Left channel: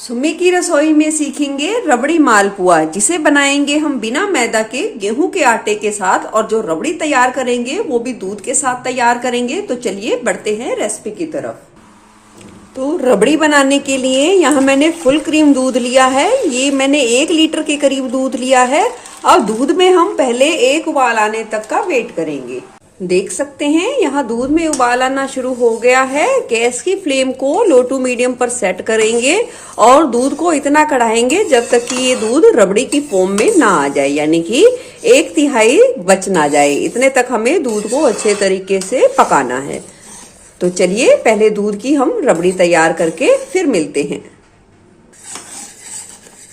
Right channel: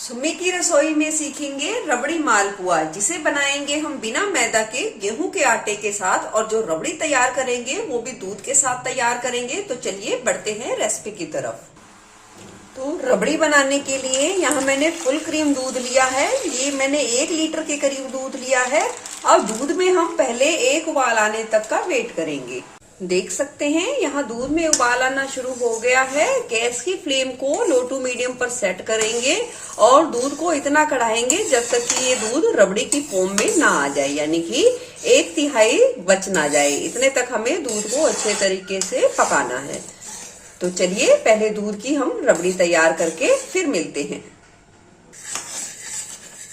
सुम्मी की रसोई में सीखेंगे रबड़ी मालपुआ, जिसे बनाएंगे हम बिना मैदा के गेहूं के आटे के साथ। और जो रबड़ी तैयार करेंगे वो भी दूध के साथ तैयार करेंगे। तो चलिए बढ़ते हैं रेसिपी की तरफ। तो रबड़ी बनाने के लिए यहाँ मैंने फुल क्रीम दूध लिया है। ये मैंने 1 लीटर के करीब दूध लिया है। अब दूध में हम पहले एक उबाल आने तक का वेट करेंगे। देख सकते हैं यहाँ दूध में उबाल आना शुरू हो गया है। गैस की फ्लेम को लो टू मीडियम पर सेट करेंगे और दूध को इतना कढ़ाएंगे जब तक कि ये दूध रबड़ी की फॉर्म में ना आ जाए, यानी कि 1/3 बच ना जाए। इतने तक हमें दूध को अच्छे तरीके से पकाना है। तो चलिए पहले दूध की हम रबड़ी तैयार करके फिर मिलते हैं।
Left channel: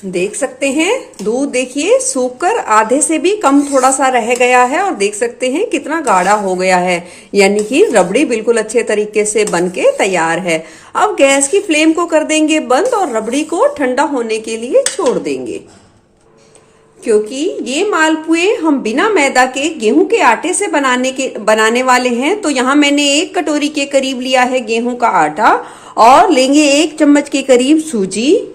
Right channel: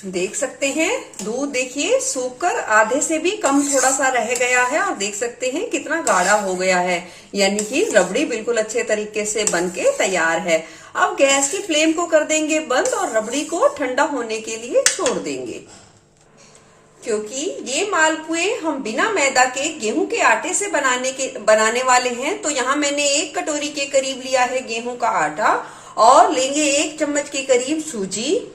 देख सकते हैं दूध देखिए सूखकर आधे से भी कम थोड़ा सा रह गया है और देख सकते हैं कितना गाढ़ा हो गया है, यानी कि रबड़ी बिल्कुल अच्छे तरीके से बनके तैयार है। अब गैस की फ्लेम को कर देंगे बंद और रबड़ी को ठंडा होने के लिए छोड़ देंगे। क्योंकि ये मालपुए हम बिना मैदा के गेहूं के आटे से बनाने वाले हैं, तो यहाँ मैंने 1 कटोरी के करीब लिया है गेहूं का आटा और लेंगे 1 चम्मच के करीब सूजी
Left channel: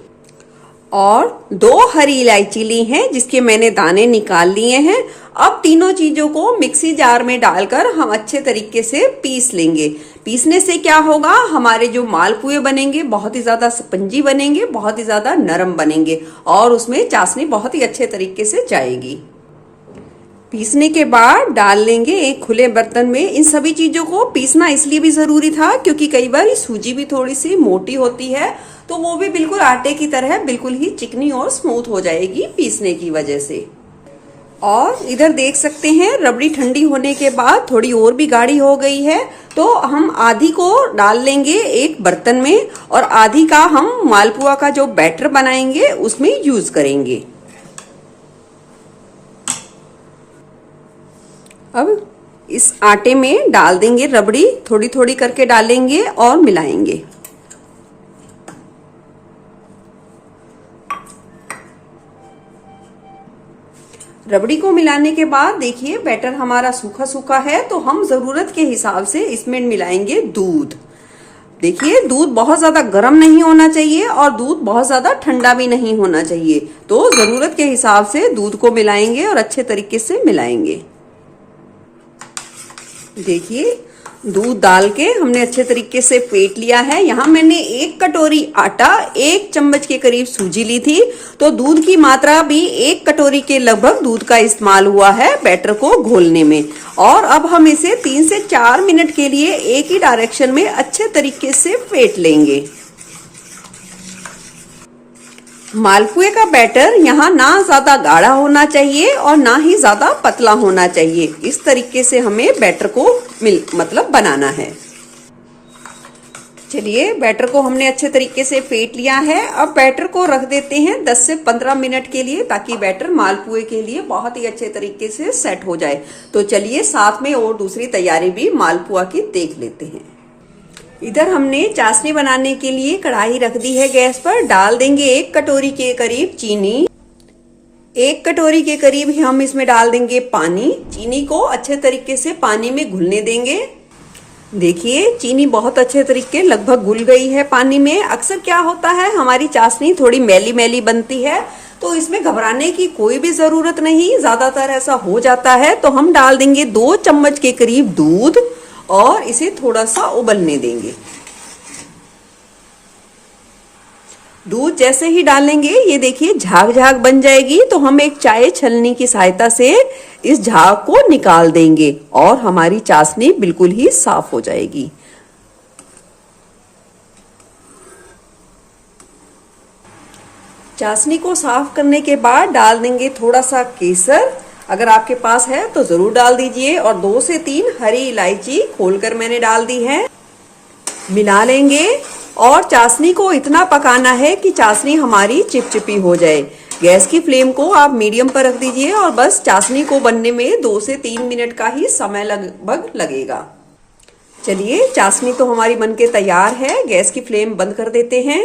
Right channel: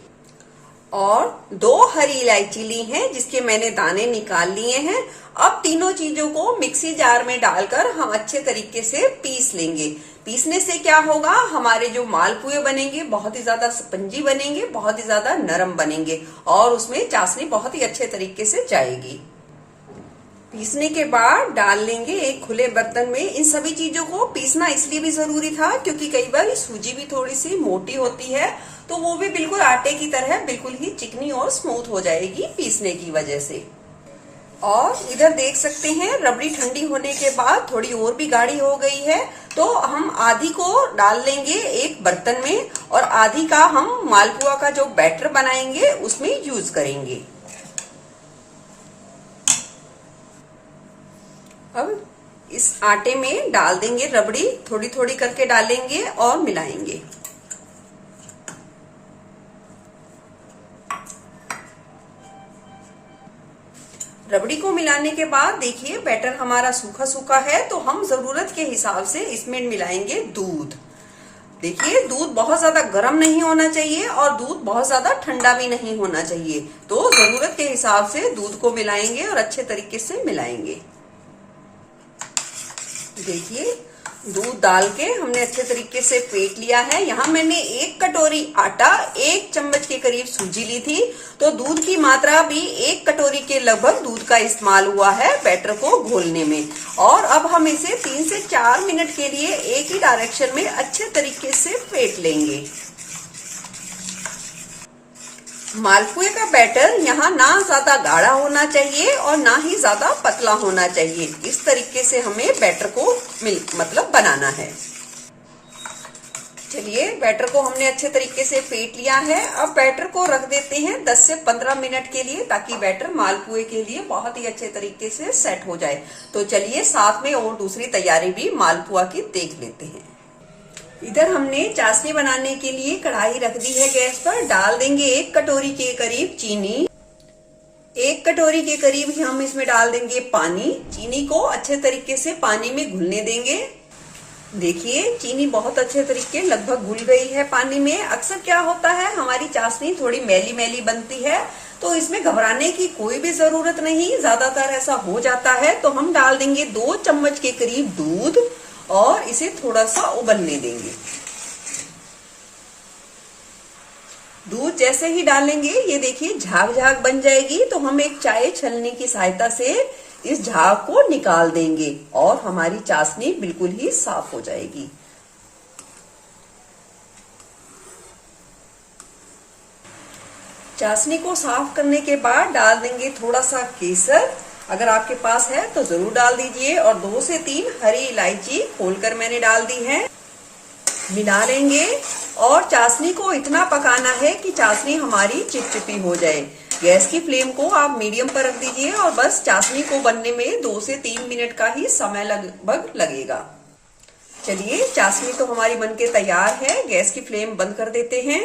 और 2 हरी इलायची ली हैं जिसके मैंने दाने निकाल लिए हैं। अब तीनों चीजों को मिक्सी जार में डालकर हम अच्छे तरीके से पीस लेंगे। पीसने से क्या होगा, हमारे जो मालपुए बनेंगे बहुत ही ज्यादा स्पंजी बनेंगे, बहुत ही ज्यादा नरम बनेंगे और उसमें चाशनी बहुत ही अच्छे तरीके से जाएगी। पीसने के बाद डाल लेंगे एक खुले बर्तन में। इन सभी चीजों को पीसना इसलिए भी जरूरी था क्योंकि कई बार सूजी भी थोड़ी सी मोटी होती है, तो वो भी बिल्कुल आटे की तरह बिल्कुल ही चिकनी और स्मूथ हो जाएगी पीसने की वजह से। और इधर देख सकते हैं रबड़ी ठंडी होने के बाद थोड़ी और भी गाढ़ी हो गई है, तो हम आधी को डाल लेंगे एक बर्तन में और आधी का हम मालपुआ का जो बैटर बनाएंगे उसमें यूज करेंगे। अब इस आटे में डाल देंगे रबड़ी, थोड़ी थोड़ी करके डालेंगे और मिलाएंगे। रबड़ी को मिलाने के बाद देखिए बैटर हमारा सूखा सूखा है, तो हम जरूरत के हिसाब से इसमें मिलाएंगे दूध। देखिए दूध बहुत ज्यादा गर्म नहीं होना चाहिए और दूध बहुत ज्यादा ठंडा भी नहीं होना चाहिए, तो जरूरत के हिसाब से दूध को मिलाएंगे और अच्छे तरीके से मिलाएंगे। देखिए दूध डाल के हमने अच्छे तरीके से फेंट लिया है। यहाँ मैंने 1 कटोरी आटा 1 चम्मच के करीब सूजी ली थी, तो दूध की मात्रा भी 1 कटोरी के लगभग दूध का इस्तेमाल हुआ है बैटर को घोलने में। और अब हम इसे 3 से 4 मिनट के लिए एक ही डायरेक्शन में अच्छे तरीके से फेंट लेंगे। मालपुए का बैटर यहाँ ना ज्यादा गाढ़ा होना चाहिए और ना ही ज्यादा पतला होना चाहिए। इस तरीके से हमें बैटर को मतलब बनाना है। चलिए बैटर को हमने अच्छे तरीके से फेंट लिया है। अब बैटर को रख देते हैं 10 से 15 मिनट के लिए, ताकि बैटर मालपुए के लिए बहुत ही अच्छे तरीके से सेट हो जाए। तो चलिए साथ में और दूसरी तैयारी भी मालपुआ की देख लेते हैं। इधर हमने चाशनी बनाने के लिए कढ़ाई रख दी है गैस पर। डाल देंगे 1 कटोरी के करीब चीनी। 1 कटोरी के करीब ही हम इसमें डाल देंगे पानी। चीनी को अच्छे तरीके से पानी में घुलने देंगे। देखिए चीनी बहुत अच्छे तरीके लगभग घुल गई है पानी में। अक्सर क्या होता है, हमारी चाशनी थोड़ी मैली मैली बनती है, तो इसमें घबराने की कोई भी जरूरत नहीं। ज्यादातर ऐसा हो जाता है, तो हम डाल देंगे 2 चम्मच के करीब दूध और इसे थोड़ा सा उबलने देंगे। दूध जैसे ही डालेंगे ये देखिए झाग झाग बन जाएगी, तो हम एक चाय छलनी की सहायता से इस झाग को निकाल देंगे और हमारी चाशनी बिल्कुल ही साफ हो जाएगी। चाशनी को साफ करने के बाद डाल देंगे थोड़ा सा केसर। अगर आपके पास है तो जरूर डाल दीजिए और 2 से 3 हरी इलायची खोलकर मैंने डाल दी है। मिला लेंगे और चाशनी को इतना पकाना है कि चाशनी हमारी चिपचिपी हो जाए। गैस की फ्लेम को आप मीडियम पर रख दीजिए और बस चाशनी को बनने में 2 से 3 मिनट का ही समय लगभग लगेगा। चलिए चाशनी तो हमारी बनके तैयार है। गैस की फ्लेम बंद कर देते हैं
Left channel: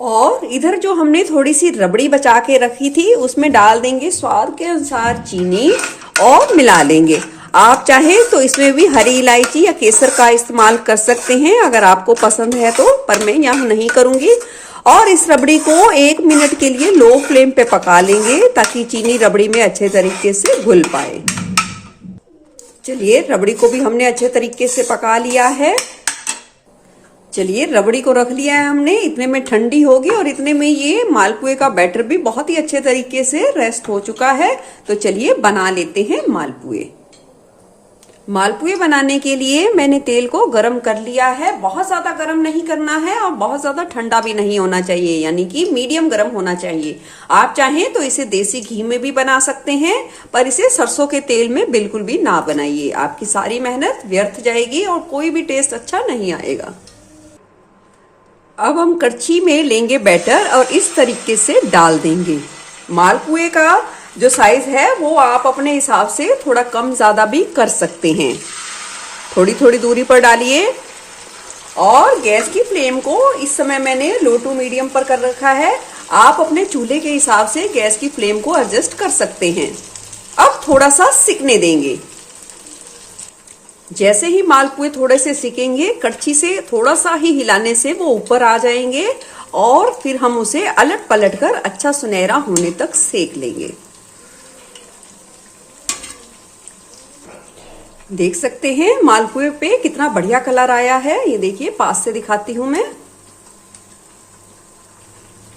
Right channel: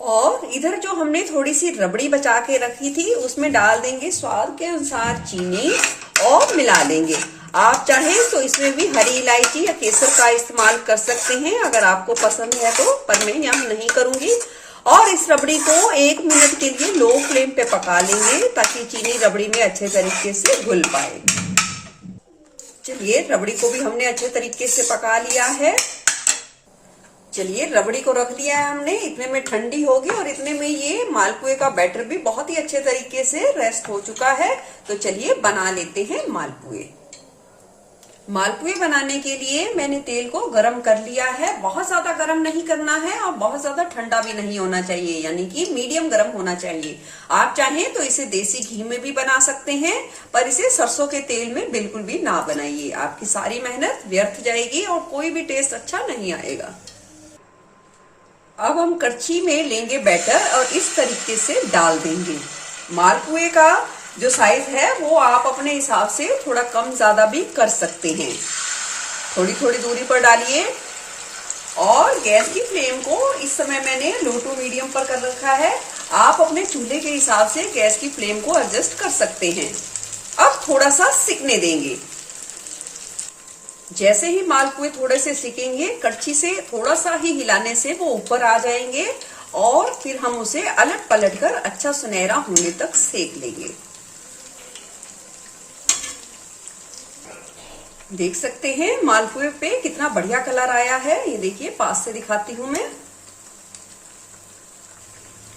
और इधर जो हमने थोड़ी सी रबड़ी बचा के रखी थी उसमें डाल देंगे स्वाद के अनुसार चीनी और मिला लेंगे। आप चाहें तो इसमें भी हरी इलायची या केसर का इस्तेमाल कर सकते हैं अगर आपको पसंद है तो, पर मैं यहाँ नहीं करूंगी। और इस रबड़ी को 1 मिनट के लिए लो फ्लेम पे पका लेंगे ताकि चीनी रबड़ी में अच्छे तरीके से घुल पाए। चलिए रबड़ी को भी हमने अच्छे तरीके से पका लिया है। चलिए रबड़ी को रख लिया है हमने, इतने में ठंडी होगी और इतने में ये मालपुए का बैटर भी बहुत ही अच्छे तरीके से रेस्ट हो चुका है। तो चलिए बना लेते हैं मालपुए। मालपुए बनाने के लिए मैंने तेल को गरम कर लिया है। बहुत ज्यादा गरम नहीं करना है और बहुत ज्यादा ठंडा भी नहीं होना चाहिए, यानी कि मीडियम गरम होना चाहिए। आप चाहें तो इसे देसी घी में भी बना सकते हैं, पर इसे सरसों के तेल में बिल्कुल भी ना बनाइए। आपकी सारी मेहनत व्यर्थ जाएगी और कोई भी टेस्ट अच्छा नहीं आएगा। अब हम कड़छी में लेंगे बैटर और इस तरीके से डाल देंगे। मालपुए का जो साइज है वो आप अपने हिसाब से थोड़ा कम ज्यादा भी कर सकते हैं। थोड़ी थोड़ी दूरी पर डालिए और गैस की फ्लेम को इस समय मैंने लो टू मीडियम पर कर रखा है। आप अपने चूल्हे के हिसाब से गैस की फ्लेम को एडजस्ट कर सकते हैं। अब थोड़ा सा सिकने देंगे। जैसे ही मालपुए थोड़े से सिकेंगे, कड़छी से थोड़ा सा ही हिलाने से वो ऊपर आ जाएंगे और फिर हम उसे अलट पलट कर अच्छा सुनहरा होने तक सेक लेंगे। देख सकते हैं मालपुए पे कितना बढ़िया कलर आया है। ये देखिए, पास से दिखाती हूं मैं।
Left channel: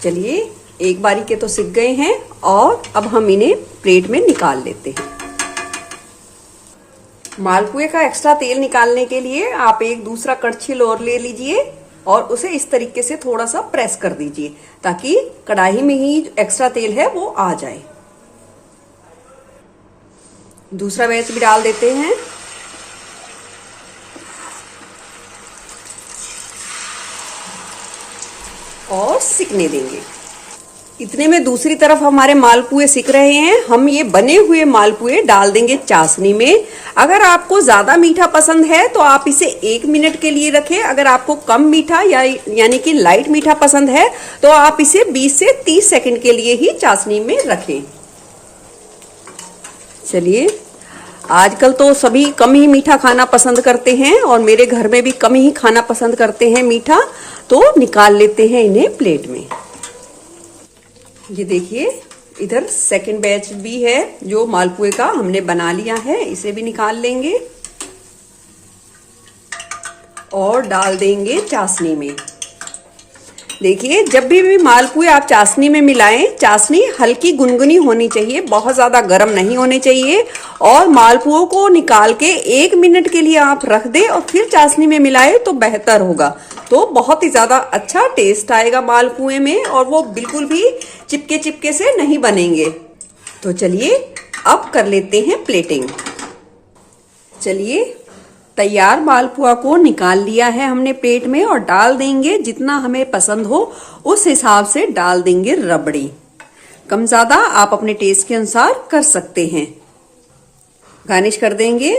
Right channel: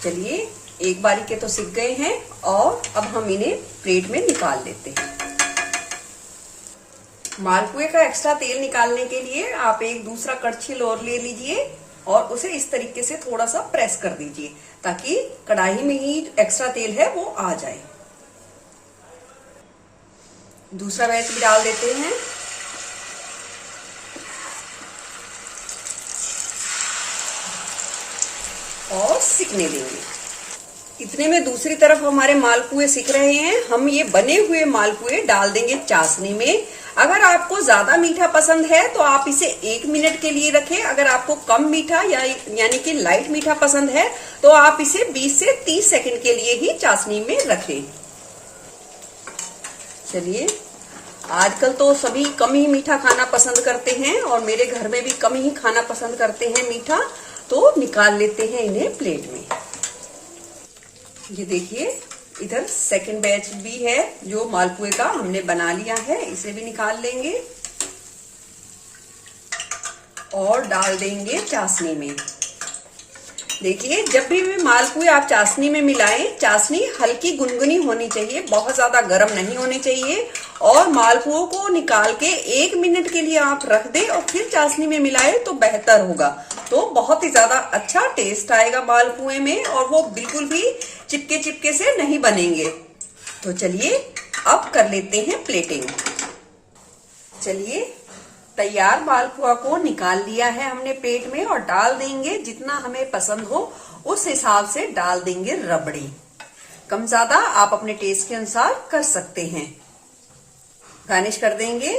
चलिए एक बारी के तो सिक गए हैं और अब हम इन्हें प्लेट में निकाल लेते हैं। मालपुए का एक्स्ट्रा तेल निकालने के लिए आप एक दूसरा कड़छी और ले लीजिए और उसे इस तरीके से थोड़ा सा प्रेस कर दीजिए ताकि कढ़ाई में ही एक्स्ट्रा तेल है वो आ जाए। दूसरा बैच भी डाल देते हैं और सिकने देंगे। इतने में दूसरी तरफ हमारे मालपुए सिक रहे हैं। हम ये बने हुए मालपुए डाल देंगे चाशनी में। अगर आपको ज्यादा मीठा पसंद है तो आप इसे 1 मिनट के लिए रखें। अगर आपको कम मीठा यानी कि लाइट मीठा पसंद है तो आप इसे 20 से 30 सेकंड के लिए ही चाशनी में रखें। चलिए, आजकल तो सभी कम ही मीठा खाना पसंद करते हैं और मेरे घर में भी कम ही खाना पसंद करते हैं मीठा। तो निकाल लेते हैं इन्हें प्लेट में। ये देखिए, इधर सेकंड बैच भी है जो मालपुए का हमने बना लिया है। इसे भी निकाल लेंगे और डाल देंगे चाशनी में। देखिए, जब भी मालपुए आप चाशनी में मिलाएं, चाशनी हल्की गुनगुनी होनी चाहिए, बहुत ज्यादा गर्म नहीं होनी चाहिए। और मालपुओं को निकाल के 1 मिनट के लिए आप रख दें और फिर चाशनी में मिलाएं तो बेहतर होगा। तो बहुत ही ज्यादा अच्छा टेस्ट आएगा मालपुए में और वो बिल्कुल भी चिपके चिपके से नहीं बनेंगे। तो चलिए अब कर लेते हैं प्लेटिंग। चलिए, तैयार मालपुआ को निकाल लिया है हमने प्लेट में और डाल देंगे जितना हमें पसंद हो उस हिसाब से डाल देंगे रबड़ी। कम ज्यादा आप अपने टेस्ट के अनुसार कर सकते हैं। गार्निश कर देंगे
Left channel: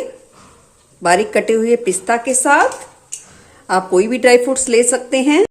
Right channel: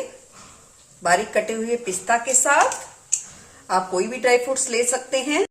बारीक कटे हुए पिस्ता के साथ। आप कोई भी ड्राई फ्रूट्स ले सकते हैं।